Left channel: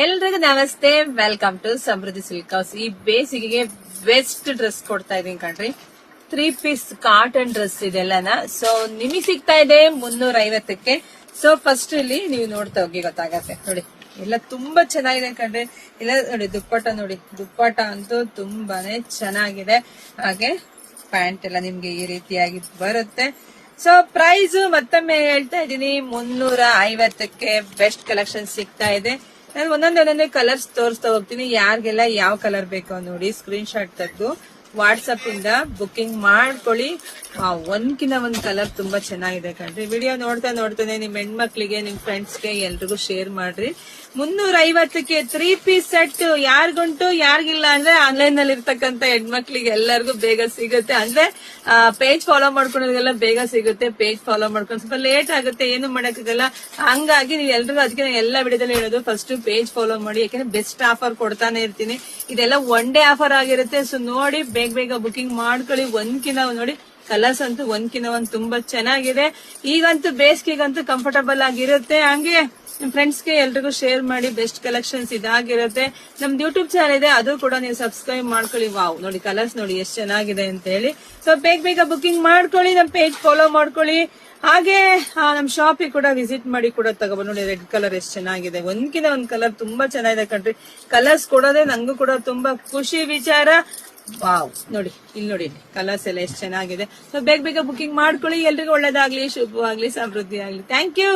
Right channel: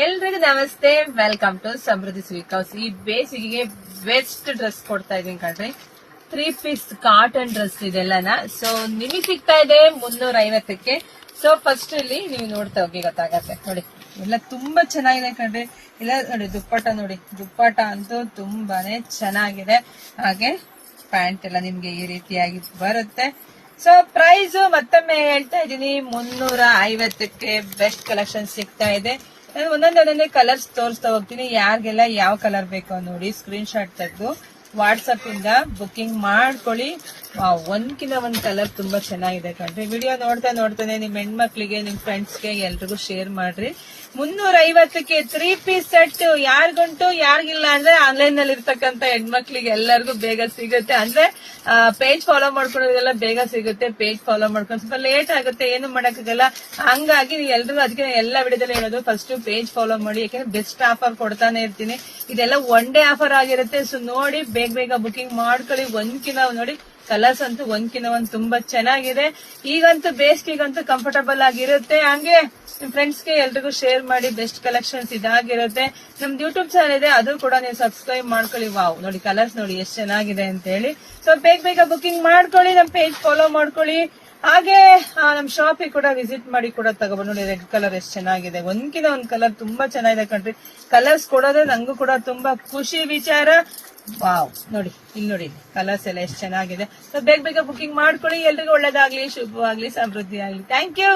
ಎಲ್ರಿಗೂ ನಮಸ್ತೆ, welcome to Samruddhi sweet house. ಈ ಬೇಸಿಗೆಗೆ ಬೆಸ್ಟ್ ಡ್ರೆಸ್ ಕೊಡ್ತಾ ಇದೀನಿ ಕಣ್ರಿ. 3 ಪೀಸ್ ಕಾಟನ್ ಡ್ರೆಸ್ ಇದೆಲ್ಲನ. ಸೊ ನಿಮಗೆ ಸಿಗ್ತಾ ಇದೆ 350ಕ್ಕೆ. ಸೊ ಫಸ್ಟ್ ಇಲ್ಲಿ ನೀವು ನೋಡ್ತಾ ಹೋಗಿ ಗೊತ್ತಾಗತ್ತೆ. ನೋಡಿ ಎಲ್ಲ ತುಂಬಾ ಚೆನ್ನಾಗಿದೆ ಕಣ್ರಿ. ಇಲ್ಲ ನೋಡಿ ದುಪ್ಪಟ, ನೋಡಿ ದುಪ್ಪಟ ಅಂತೂ ತುಂಬಾನೇ ಚೆನ್ನಾಗಿದೆ. ಹಾಗೆ ಪ್ಯಾಂಟ್ ಎಲ್ಲ ನಿಮ್ಗೆ ಈ ರೀತಿಯಾಗಿ ಬರುತ್ತೆ. ಸೊ ಪ್ರೈಸ್ ಮತ್ತೊಮ್ಮೆ ಹೇಳ್ತಾ ಇದೀನಿ, 350ಕ್ಕೆ ಬೆಸ್ಟ್ ಕಲೆಕ್ಷನ್ ಸಿಗ್ತಾ ಇದೆ. ನಾನು ಒಂದೊಂದೇ ಕಲರ್ಸ್ ತೋರಿಸ್ತಾ ಹೋಗ್ತೀನಿ. ಯಾರಿಗೆಲ್ಲ ಯಾವ ಕಲರ್ ಬೇಕೋ ನೋಡಿ ಸ್ಕ್ರೀನ್ ಶಾಟ್ ತೆಗೆದು ವಾಟ್ಸಪ್ ಇಂದ ಬುಕಿಂಗ್ ಮಾಡ್ಕೊಳ್ಳಿ. ಒಂದ್ಕಿನ ಒಂದ್ ಕಲರ್ ತುಂಬಾ ಚೆನ್ನಾಗಿದೆ ಕಣ್ರಿ. ವಿಡಿಯೋ ನೋಡ್ತಾನೆ ನಿಮ್ ಹೆಣ್ಮಕ್ಳಿಗೆ, ನಿಮ್ ಫ್ರೆಂಡ್ಸ್ಗೆ ಎಲ್ರಿಗೂ ಶೇರ್ ಮಾಡ್ರಿ. 350ಕ್ಕೆ 3 ಪೀಸ್ ಸೆಟ್ ಯಾರಿಗುಂಟು ಯಾರಿಗಿಲ್ಲ ಅಂದ್ರೆ ಆನ್ಲೈನ್ ನಲ್ಲಿ ಇರ್ತಕ್ಕಂಥ ಹೆಣ್ಮಕ್ಳಿಗೆ ಎಲ್ಲರಿಗೂ ಬೇಗ ಸಿಗುತ್ತೆ. ಅಂದ್ರೆ ಪೇಜ್ ಫಾಲೋ ಮಾಡ್ಕೊಳ್ಳೋದೆಲ್ಲ ಬೇಗ ಸಿಗುತ್ತೆ. ಪೇಜ್ ಫಾಲೋ ಮಾಡ್ಕೊಂಡು ಸ್ವಲ್ಪ ಲೇಟ್ ಆಗುತ್ತೆ, ಏನು ಮಾಡಕ್ಕಾಗಲ್ಲ. ಹಂಗಾಗಿ ನೀವು ಎಲ್ರಿಗೂ ಅದಕ್ಕೆ ಎಲ್ಲ ವಿಡಿಯೋದಲ್ಲಿ ಹೇಳೋದು ಫಸ್ಟ್ ಪೇಜ್ ಫಾಲೋ ಮಾಡಿ. ಯಾಕಂದ್ರೆ ಬೆಸ್ಟ್ ಆಫರ್ ಕೊಡ್ತಾನೆ ಇರ್ತೀನಿ. ಇದೆಲ್ಲ ಒನ್ ಡೇ ಆಫರ್ ಆಗಿರುತ್ತೆ. ಸೊ ನೋಡಿ ಬೇಗ ಬುಕಿಂಗ್ ಮಾಡ್ಕೊಳ್ಳಿ. ಒಂದ್ಕಿನ ನೋಡಿ ಕಲರ್ಸ್ ಅಂತೂ ಒಂದ್ಕಿನ ಒಂದ್ ತುಂಬಾ ಚೆನ್ನಾಗಿದೆ. ಈಗಂತೂ ಬೇಸಿಗೆಗಂತೂ ಕಂಫರ್ಟಬಲ್ ಆಗಿರುತ್ತೆ. ಹಂಗೆ ನಿಮ್ ಫ್ರೆಂಡ್ಸ್ಗೆ ಎಲ್ರಿಗೂ ಶೇರ್ ಮಾಡಿ. ಬೆಸ್ಟ್ ಕಲೆಕ್ಷನ್ಸ್ ಇದಾಗಿರುತ್ತೆ. ನಮ್ದು ಯೂಟ್ಯೂಬ್ ಚಾನಲ್ ಇದೆ, ಅದು ಕೂಡ ನೀವು ಸಬ್ಸ್ಕ್ರೈಬ್ ಮಾಡ್ಕೊಳ್ಳಿ. ವಾವ್ ನೋಡಿ ಕಲರ್ಸ್ ನೋಡಿ ಎಷ್ಟು ಚೆನ್ನಾಗಿದೆ ಅಂತ ಹೇಳಿ. ಸೊ ಬೇಗ ಬುಕಿಂಗ್ ಮಾಡ್ಕೊಳ್ಳಿ, ನಮ್ ಪೇಜ್ ಫಾಲೋ ಮಾಡ್ಕೊಳ್ಳಿ. ಹಾಗೆ ನಮ್ ಶಾಪಿಗೆ ಕೂಡ ವಿಸಿಟ್ ಮಾಡಿ ಕೂಡ ತಗೋಬಹುದು. ನೋಡಿ ರೆಡ್ ಕಲರ್ ಎಷ್ಟು ಚೆನ್ನಾಗಿದೆ. ಒಂದ್ಕಿನ ಒಂದ್ ಕಲರ್ ತುಂಬಾ ಚೆನ್ನಾಗಿದೆ ಕಣ್ರಿ. ಕಲರ್ಸ್ ಕೊಡೋದೇ ನಂಗೂ ಕೂಡ ತುಂಬಾ ಖುಷಿ ವಿಚಾರ. ವಾವ್ ನೋಡಿ ಇಲ್ಲಿ ನೋಡಿ ಕಲರ್ಸ್ ಎಲ್ಲ ಎಷ್ಟು ಚೆನ್ನಾಗಿದೆ. ಸೊ ಬೇಗ ಬುಕಿಂಗ್ ಮಾಡ್ಕೊಳ್ಳಿ. ಎಲ್ರಿಗೂ ಒಳ್ಳೇದಾಗ್ಲಿ, ಶುಭವಾಗ್ಲಿ, ಸಮೃದ್ಧಿ ಆಗ್ಲಿ. Thank you.